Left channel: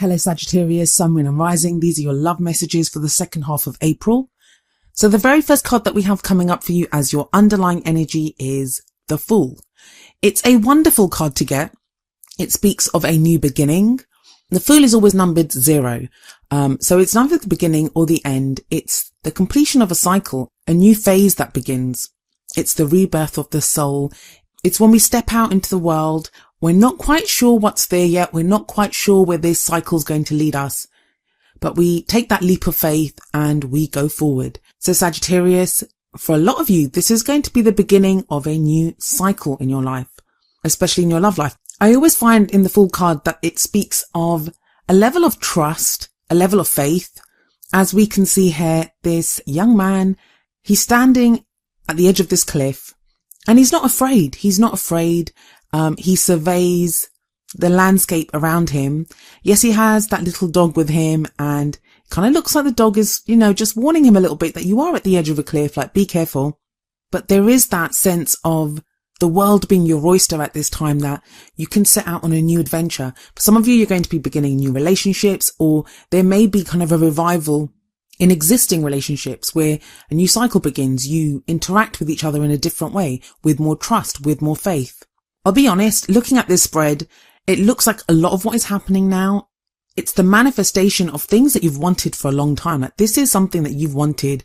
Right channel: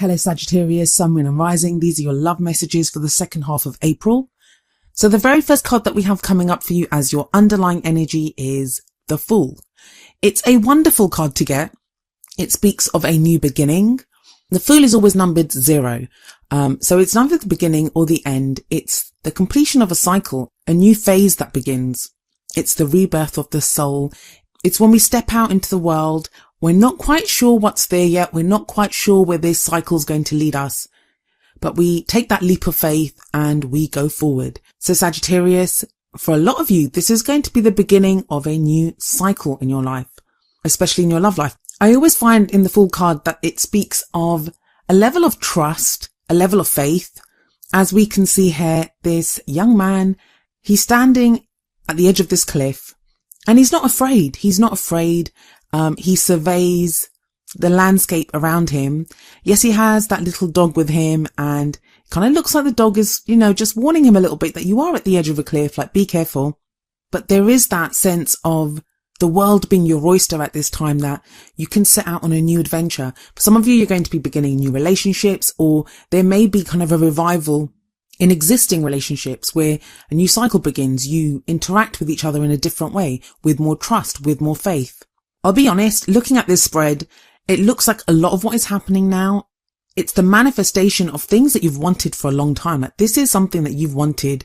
Hello Sagittarius, Sun, Moon and Rising. These are your love messages for the second half of April. So the very first card that we have coming up for you as your underlying energy is the Fool. It's a wonderful card to get. It speaks of a new beginning. The Fool is always numbered 0. So it's neither the beginning or the end. It's the completion of a cycle, a new phase that begins. It's the rebirth of the soul. It's when we step out into the world. We're not quite sure what's there yet. We're not quite sure where this cycle is going to lead us. But we take that leap of faith and we go forward. So Sagittarius, for a lot of you, this is going to be the beginning of a new cycle in your life, especially in your love life. I always find in the Fool card that it speaks of a level of trust, a level of faith. As we can see here, this young man, he's standing at the edge of this cliff and he's not afraid. He's not afraid. He surveys the landscape around him. Yes, he has that little dog with him and it kind of looks like the dog is, just warning him a little bit that you are at the edge of a cliff, like be careful. But there is that sense of the world being your oyster at this time, that you can set out on a new adventure. For some of you, you're going to be beginning new relationships, or there may be kind of a revival in existing relationships where a new cycle begins. You interact with each other in a different way, with more trust, with more faith. I'll be honest, looking at this spread, it looks like a lot of what is happening now, it's the manifestation of things that you've wanted for a long time. Like this is something that you've wanted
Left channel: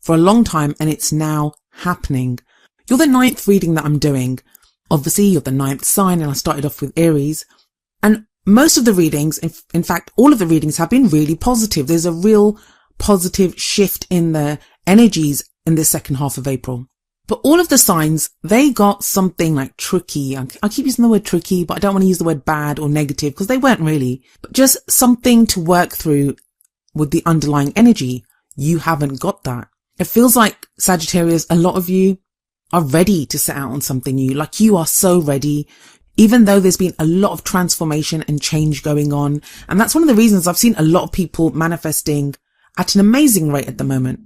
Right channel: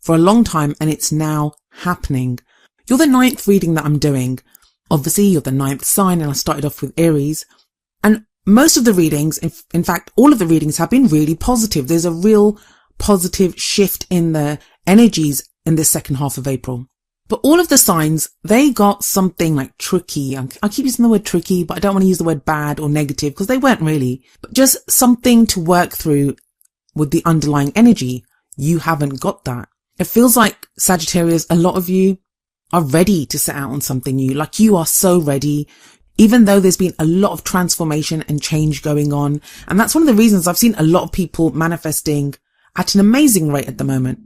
for a long time and it's now happening. You're the 9th reading that I'm doing. Obviously, you're the 9th sign and I started off with Aries. And most of the readings, in fact, all of the readings have been really positive. There's a real positive shift in the energies in the second half of April. But all of the signs, they got something like tricky. I keep using the word tricky, but I don't want to use the word bad or negative because they weren't really. But just something to work through with the underlying energy. You haven't got that. It feels like, Sagittarius, a lot of you are ready to set out on something new. Like you are so ready, even though there's been a lot of transformation and change going on. And that's one of the reasons I've seen a lot of people manifesting at an amazing rate at the moment.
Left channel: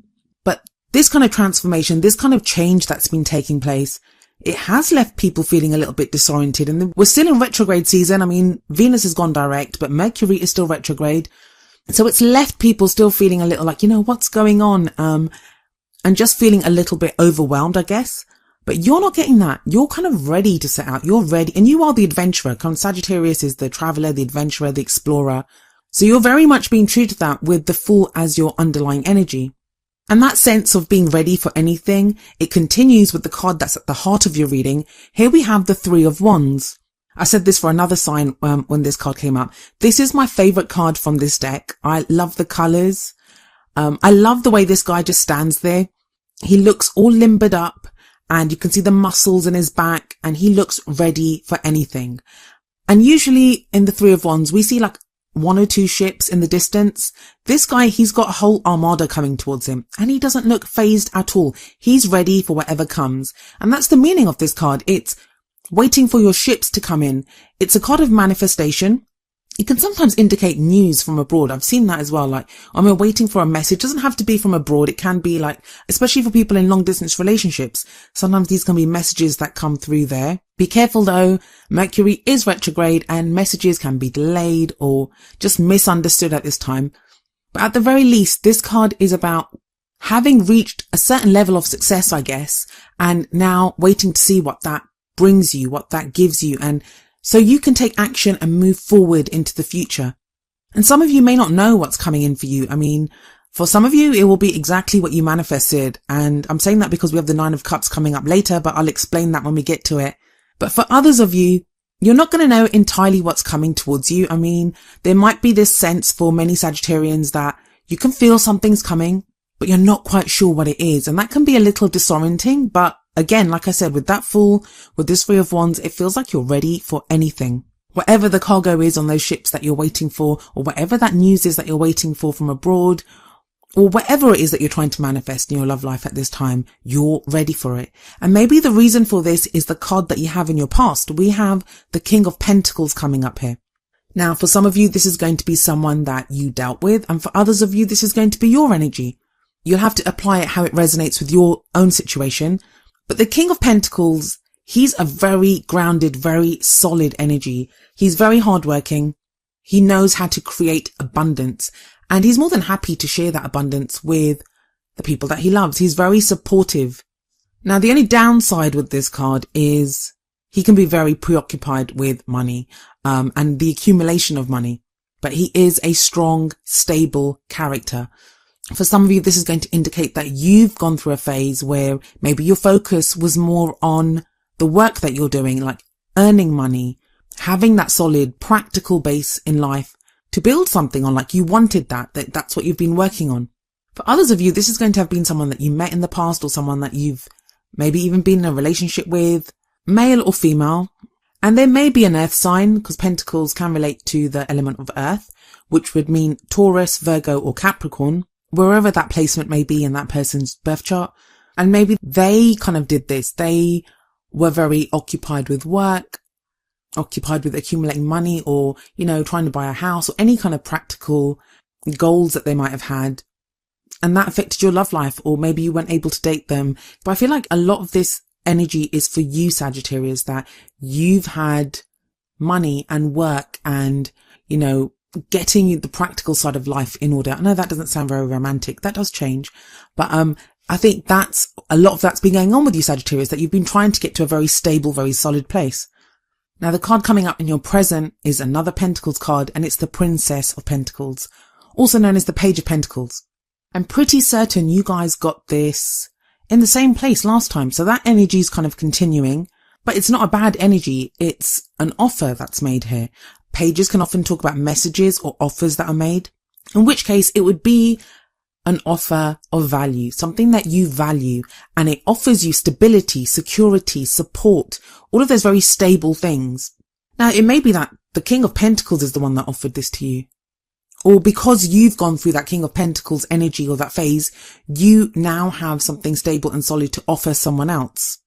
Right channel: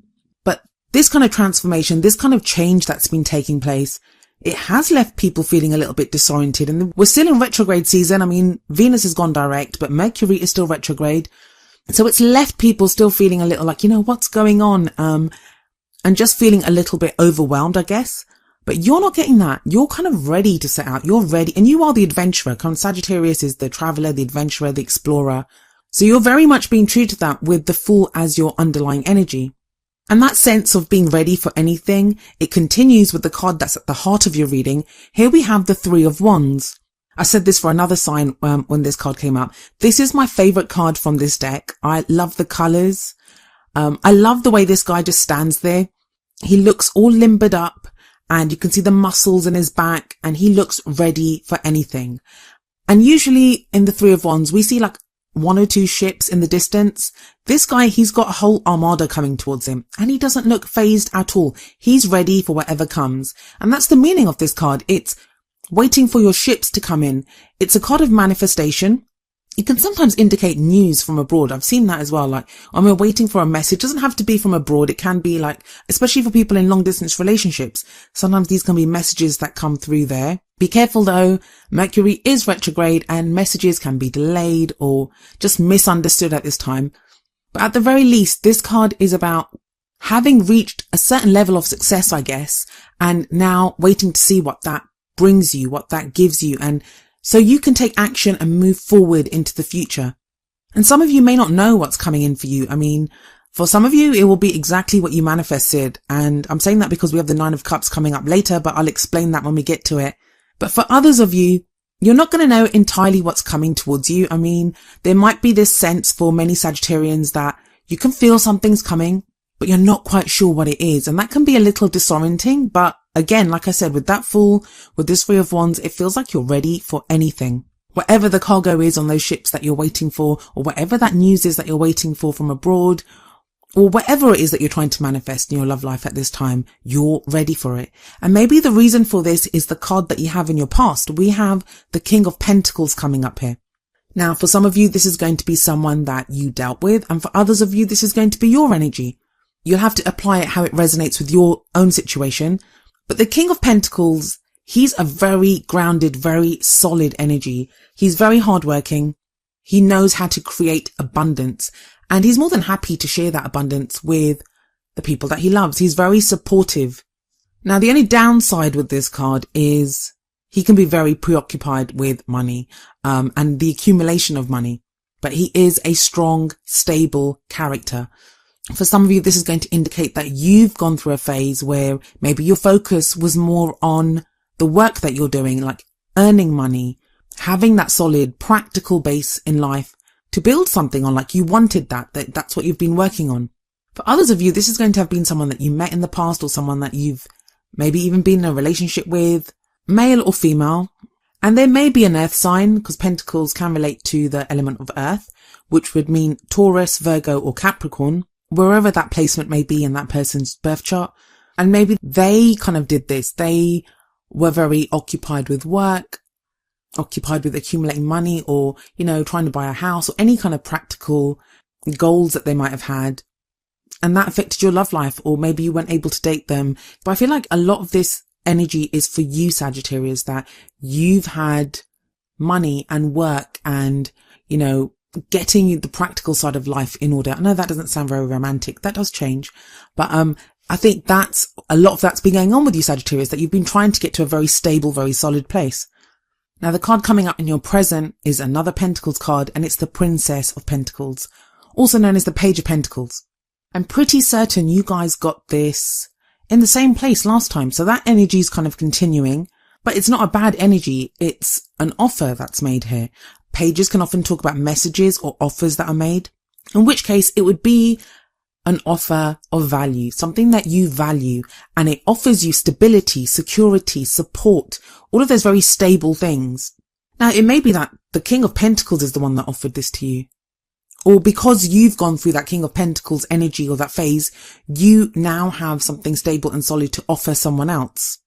But this kind of transformation, this kind of change that's been taking place, it has left people feeling a little bit disoriented. And we're still in retrograde season. I mean, Venus has gone direct, but Mercury is still retrograde. So it's left people still feeling a little like, what's going on? And just feeling a little bit overwhelmed, I guess. But you're not getting that. You're kind of ready to set out. You're ready. And you are the adventurer. Sagittarius is the traveler, the adventurer, the explorer. So you're very much being treated that with the Fool as your underlying energy. And that sense of being ready for anything, it continues with the card that's at the heart of your reading. Here we have the 3 of Wands. I said this for another sign when this card came out. This is my favorite card from this deck. I love the colors. I love the way this guy just stands there. He looks all limbered up and you can see the muscles in his back and he looks ready for anything. And usually in the 3 of Wands, we see like 1 or 2 ships in the distance. This guy, he's got a whole armada coming towards him and he doesn't look phased at all. He's ready for whatever comes. And that's the meaning of this card. It's waiting for your ships to come in. It's a card of manifestation. It can sometimes indicate news from abroad. I've seen that as well. Like, we're waiting for a message. It doesn't have to be from abroad. It can be like, especially for people in long distance relationships. Sometimes these can be messages that come through there. Be careful though. Mercury is retrograde and messages can be delayed or just misunderstood at this time. But at the very least, this card is about having reached a certain level of success, I guess, and now waiting to see what that brings you, what that gives you. And so you can take action and move forward into the future. And some of you may not know what's coming in for you. I mean, for some of you, it will be exactly what you manifested. And I'm saying that because we have the 9 of Cups coming up later, but I'll explain that when we get to it. But for others of you, you're not going to know entirely what's coming towards you. I mean, there might be this sense for many Sagittarians that you can feel something's coming, but you're not quite sure what it is. And that can be a little disorienting, but again, like I said, with that Fool, with this 3 of Wands, it feels like you're ready for anything. Whatever the cargo is on those ships that you're waiting for, or whatever that news is that you're waiting for from abroad, or whatever it is that you're trying to manifest in your love life at this time, you're ready for it. And maybe the reason for this is the card that you have in your past. We have the King of Pentacles coming up here. Now, for some of you, this is going to be someone that you dealt with, and for others of you, this is going to be your energy. You'll have to apply it how it resonates with your own situation. But the King of Pentacles, he's a very grounded, very solid energy. He's very hardworking. He knows how to create abundance, and he's more than happy to share that abundance with the people that he loves. He's very supportive. Now, the only downside with this card is he can be very preoccupied with money, and the accumulation of money. But he is a strong, stable character. For some of you, this is going to indicate that you've gone through a phase where maybe your focus was more on the work that you're doing, like earning money, having that solid, practical base in life to build something on, like you wanted that's what you've been working on. For others of you, this is going to have been someone that you met in the past, or someone that you've maybe even been in a relationship with, male or female. And there may be an earth sign, because pentacles can relate to the element of earth, which would mean Taurus, Virgo, or Capricorn, wherever that placement may be in that person's birth chart. And maybe they kind of did this. They were very occupied with work, occupied with accumulating money, or, trying to buy a house, or any kind of practical goals that they might have had. And that affected your love life, or maybe you weren't able to date them. But I feel like a lot of this energy is for you, Sagittarius, that you've had money and work and, getting the practical side of life in order. I know that doesn't sound very romantic. That does change. But I think that's a lot of that's been going on with you, Sagittarius, that you've been trying to get to a very stable, very solid place. Now, the card coming up in your present is another Pentacles card, and it's the Princess of Pentacles, also known as the Page of Pentacles. I'm pretty certain you guys got this in the same place last time. So that energy is kind of continuing, but it's not a bad energy. It's an offer that's made here. Pages can often talk about messages or offers that are made, in which case it would be an offer of value, something that you value, and it offers you stability, security, support, all of those very stable things. Now, it may be that the King of Pentacles is the one that offered this to you, or because you've gone through that King of Pentacles energy or that phase, you now have something stable and solid to offer someone else.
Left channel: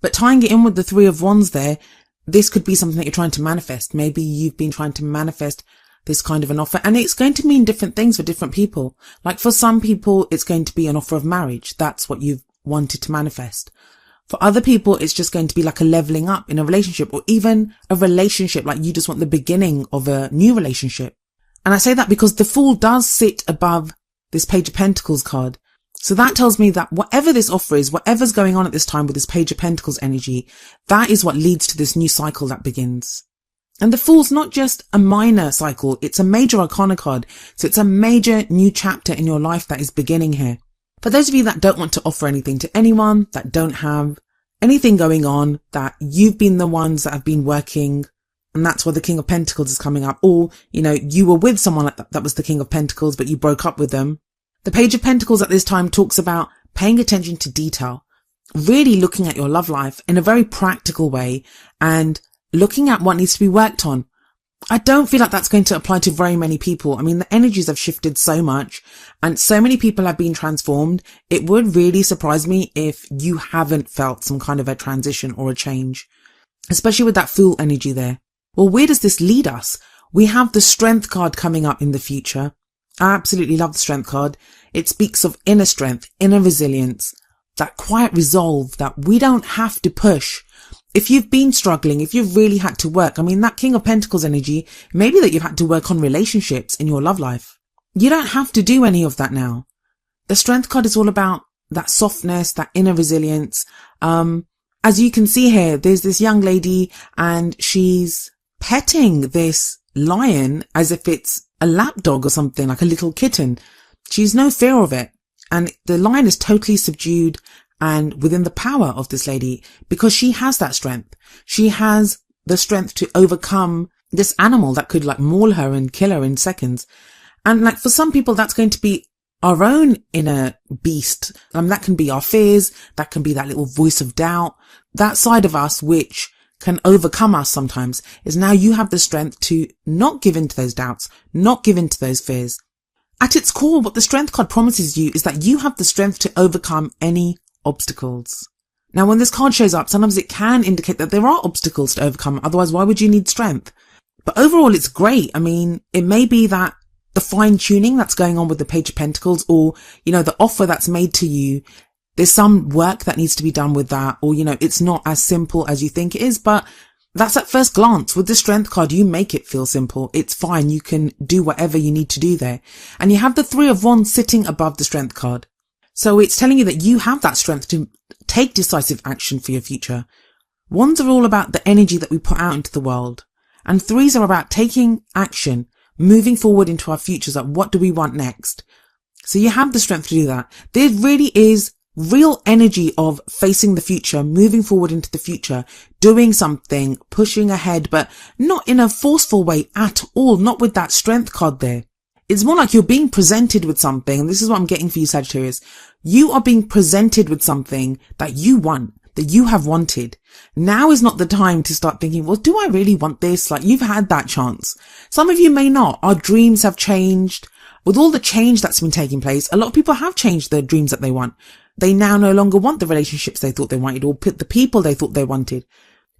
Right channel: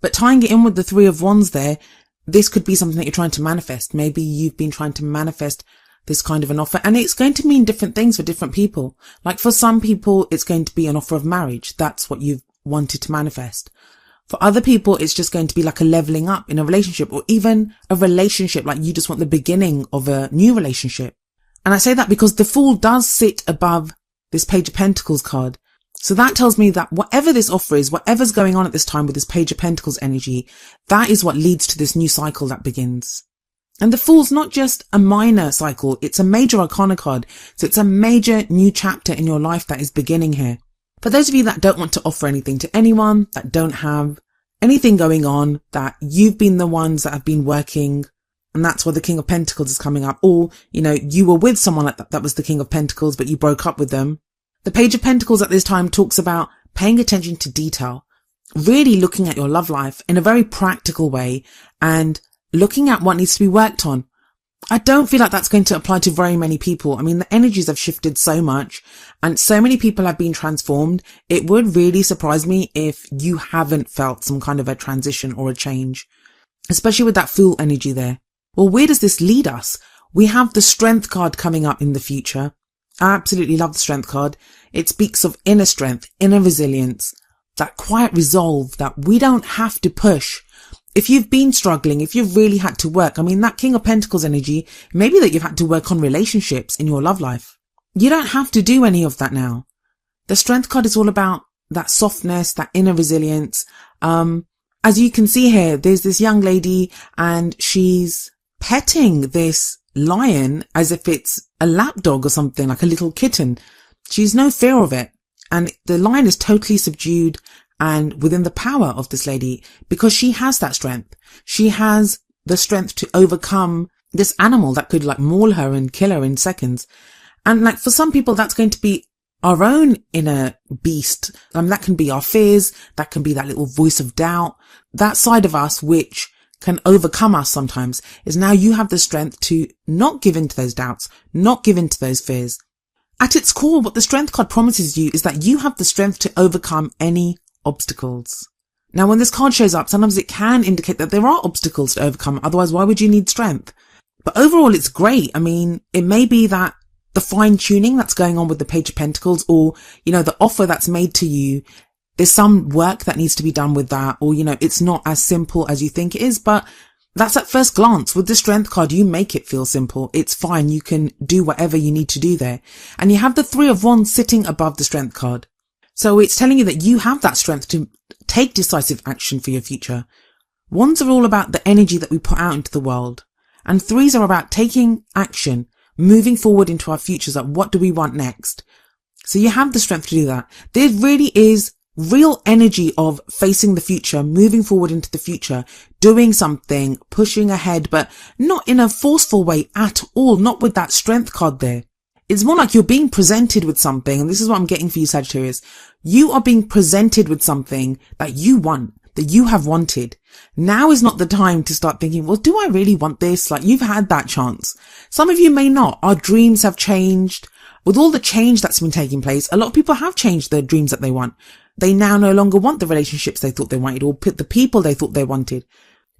But tying it in with the Three of Wands there, this could be something that you're trying to manifest. Maybe you've been trying to manifest this kind of an offer, and it's going to mean different things for different people. Like for some people, it's going to be an offer of marriage. That's what you've wanted to manifest. For other people, it's just going to be like a leveling up in a relationship, or even a relationship, like you just want the beginning of a new relationship. And I say that because the Fool does sit above this Page of Pentacles card. So that tells me that whatever this offer is, whatever's going on at this time with this Page of Pentacles energy, that is what leads to this new cycle that begins. And the Fool's not just a minor cycle, it's a major arcana card. So it's a major new chapter in your life that is beginning here. For those of you that don't want to offer anything to anyone, that don't have anything going on, that you've been the ones that have been working, and that's why the King of Pentacles is coming up, or, you were with someone that was the King of Pentacles, but you broke up with them. The Page of Pentacles at this time talks about paying attention to detail, really looking at your love life in a very practical way and looking at what needs to be worked on. I don't feel like that's going to apply to very many people. I mean, the energies have shifted so much and so many people have been transformed. It would really surprise me if you haven't felt some kind of a transition or a change, especially with that Fool energy there. Well, where does this lead us? We have the Strength card coming up in the future. I absolutely love the Strength card. It speaks of inner strength, inner resilience, that quiet resolve that we don't have to push. If you've been struggling, if you've really had to work, I mean, that King of Pentacles energy, maybe that you've had to work on relationships in your love life. You don't have to do any of that now. The Strength card is all about that softness, that inner resilience. As you can see here, there's this young lady and she's petting this lion as if it's a lapdog or something, like a little kitten. She's no fear of it. And the lion is totally subdued and within the power of this lady because she has that strength. She has the strength to overcome this animal that could maul her and kill her in seconds. And for some people, that's going to be our own inner beast. That can be our fears. That can be that little voice of doubt. That side of us, which can overcome us sometimes, is now you have the strength to not give in to those doubts, not give in to those fears. At its core, what the Strength card promises you is that you have the strength to overcome any obstacles. Now, when this card shows up, sometimes it can indicate that there are obstacles to overcome. Otherwise, why would you need strength? But overall, it's great. I mean, it may be that the fine tuning that's going on with the Page of Pentacles, or, the offer that's made to you, there's some work that needs to be done with that, or, it's not as simple as you think it is, but That's at first glance. With the Strength card, you make it feel simple. It's fine. You can do whatever you need to do there. And you have the Three of Wands sitting above the Strength card. So it's telling you that you have that strength to take decisive action for your future. Wands are all about the energy that we put out into the world. And threes are about taking action, moving forward into our futures. Like, what do we want next? So you have the strength to do that. There really is real energy of facing the future, moving forward into the future, doing something, pushing ahead, but not in a forceful way at all, not with that Strength card there. It's more like you're being presented with something, and this is what I'm getting for you, Sagittarius. You are being presented with something that you want, that you have wanted. Now is not the time to start thinking, well, do I really want this? Like, you've had that chance. Some of you may not. Our dreams have changed. With all the change that's been taking place, a lot of people have changed their dreams that they want. They now no longer want the relationships they thought they wanted, or the people they thought they wanted.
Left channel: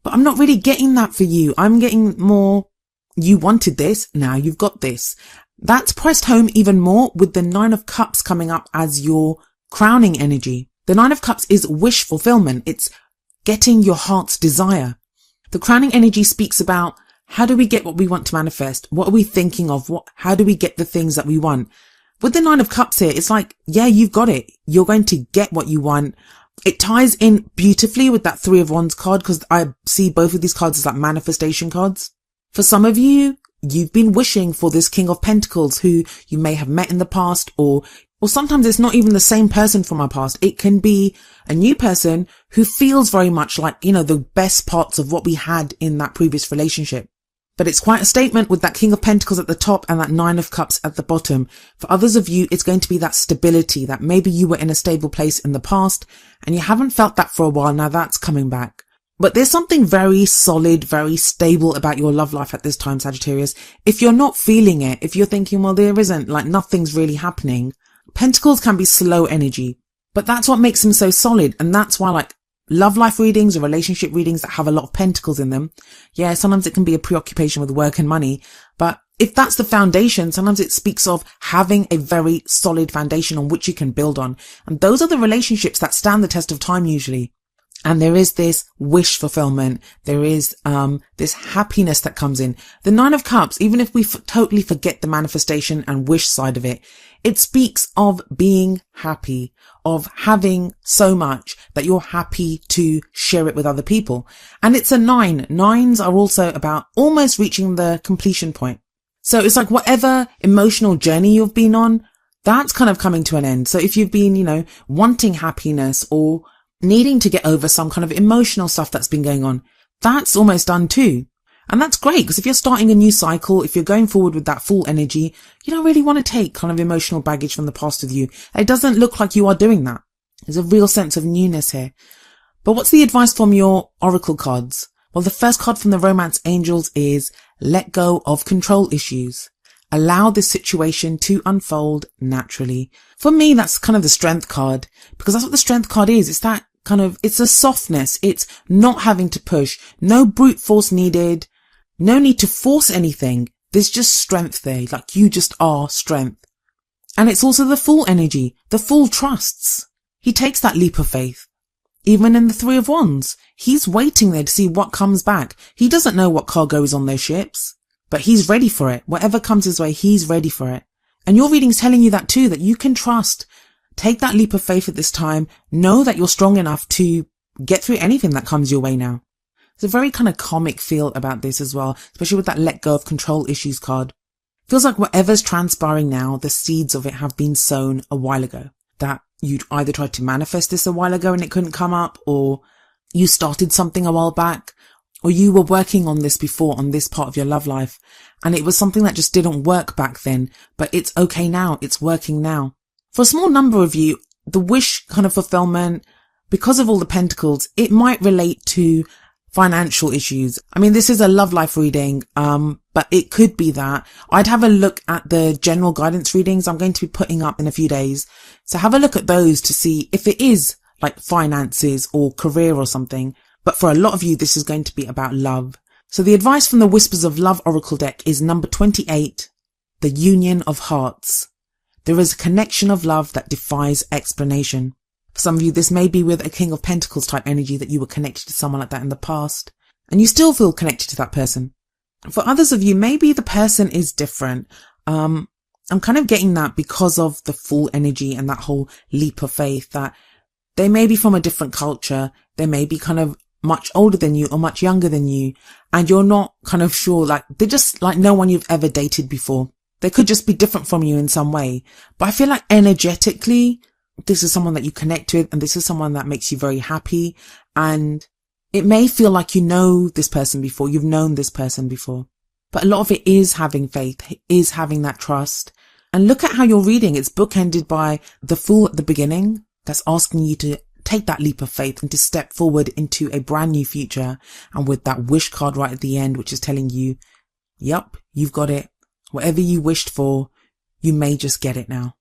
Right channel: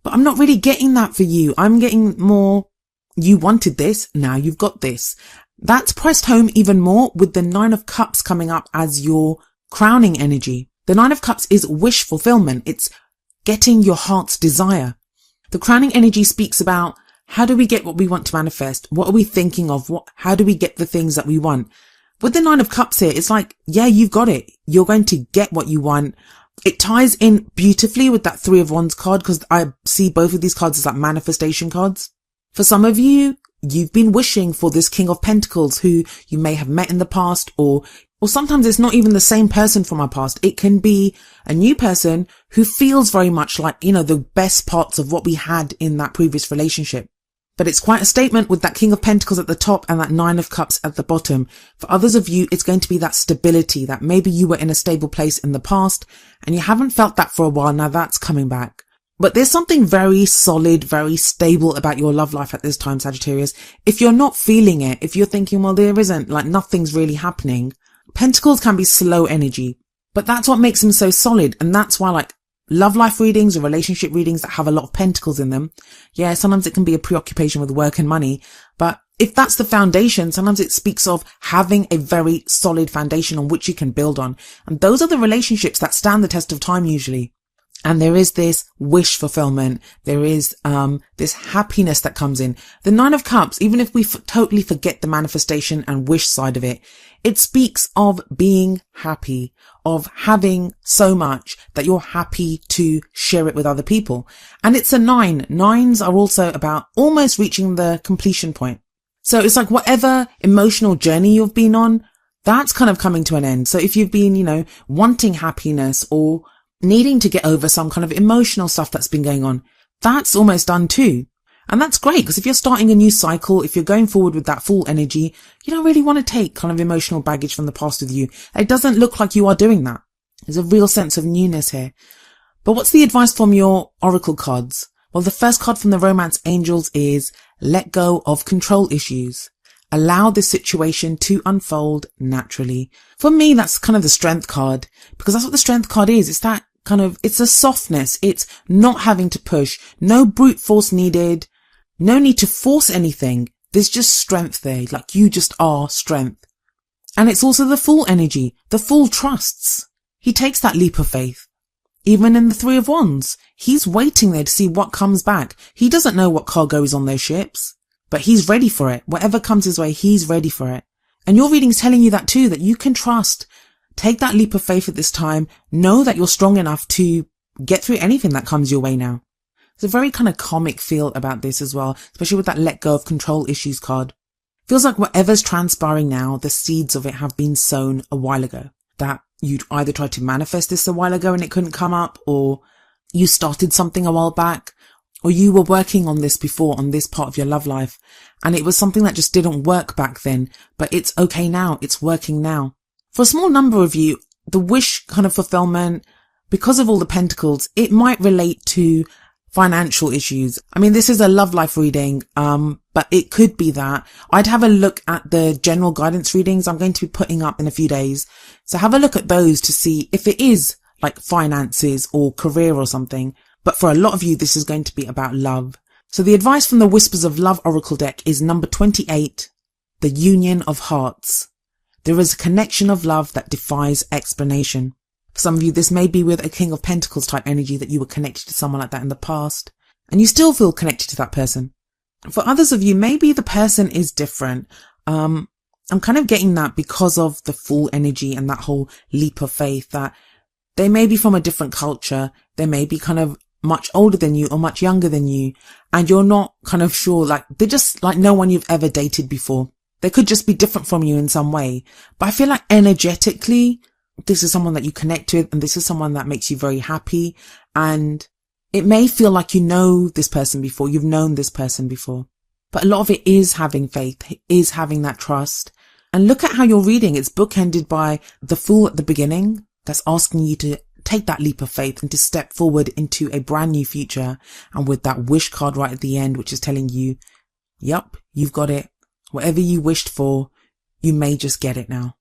But I'm not really getting that for you. I'm getting more, you wanted this, now you've got this. That's pressed home even more with the Nine of Cups coming up as your crowning energy. The Nine of Cups is wish fulfillment. It's getting your heart's desire. The crowning energy speaks about, how do we get what we want to manifest? What are we thinking of? How do we get the things that we want? With the Nine of Cups here, it's like, yeah, you've got it. You're going to get what you want. It ties in beautifully with that Three of Wands card, because I see both of these cards as like manifestation cards. For some of you, you've been wishing for this King of Pentacles who you may have met in the past, or sometimes it's not even the same person from our past. It can be a new person who feels very much like, the best parts of what we had in that previous relationship. But it's quite a statement with that King of Pentacles at the top and that Nine of Cups at the bottom. For others of you, it's going to be that stability, that maybe you were in a stable place in the past and you haven't felt that for a while. Now that's coming back. But there's something very solid, very stable about your love life at this time, Sagittarius. If you're not feeling it, if you're thinking, well, there isn't, like, nothing's really happening, Pentacles can be slow energy. But that's what makes them so solid. And that's why, like, love life readings or relationship readings that have a lot of pentacles in them, yeah, sometimes it can be a preoccupation with work and money. But if that's the foundation, sometimes it speaks of having a very solid foundation on which you can build on. And those are the relationships that stand the test of time usually. And there is this wish fulfillment. There is this happiness that comes in. The Nine of Cups, even if we totally forget the manifestation and wish side of it, it speaks of being happy, of having so much that you're happy to share it with other people. And it's a 9. 9s are also about almost reaching the completion point. So it's like whatever emotional journey you've been on, that's kind of coming to an end. So if you've been, wanting happiness or needing to get over some kind of emotional stuff that's been going on, that's almost done too. And that's great, because if you're starting a new cycle, if you're going forward with that full energy, you don't really want to take kind of emotional baggage from the past with you. It doesn't look like you are doing that. There's a real sense of newness here. But what's the advice from your oracle cards? Well, the first card from the Romance Angels is let go of control issues. Allow the situation to unfold naturally. For me, that's kind of the Strength card, because that's what the Strength card is. It's that it's a softness. It's not having to push. No brute force needed. No need to force anything. There's just strength there. Like, you just are strength. And it's also the Fool energy. The Fool trusts. He takes that leap of faith. Even in the Three of Wands, he's waiting there to see what comes back. He doesn't know what cargo is on those ships, but he's ready for it. Whatever comes his way, he's ready for it. And your reading's telling you that too, that you can trust. Take that leap of faith at this time. Know that you're strong enough to get through anything that comes your way now. There's a very kind of comic feel about this as well, especially with that let go of control issues card. Feels like whatever's transpiring now, the seeds of it have been sown a while ago. That you'd either tried to manifest this a while ago and it couldn't come up, or you started something a while back, or you were working on this before on this part of your love life and it was something that just didn't work back then, but it's okay now. It's working now. For a small number of you, the wish kind of fulfillment, because of all the pentacles, it might relate to financial issues. I mean, this is a love life reading, but it could be that. I'd have a look at the general guidance readings I'm going to be putting up in a few days. So have a look at those to see if it is like finances or career or something. But for a lot of you, this is going to be about love. So the advice from the Whispers of Love Oracle deck is number 28, the union of hearts. There is a connection of love that defies explanation. For some of you, this may be with a King of Pentacles type energy, that you were connected to someone like that in the past. and you still feel connected to that person. For others of you, maybe the person is different. I'm kind of getting that because of the full energy and that whole leap of faith, that they may be from a different culture. They may be kind of much older than you or much younger than you. And you're not kind of sure, like they're just like no one you've ever dated before. They could just be different from you in some way. But I feel like energetically, this is someone that you connect with, and this is someone that makes you very happy. And it may feel like you know this person before, you've known this person before. But a lot of it is having faith, it is having that trust. And look at how you're reading. It's bookended by the Fool at the beginning. That's asking you to take that leap of faith and to step forward into a brand new future. And with that wish card right at the end, which is telling you, yup, you've got it. Whatever you wished for, you may just get it now.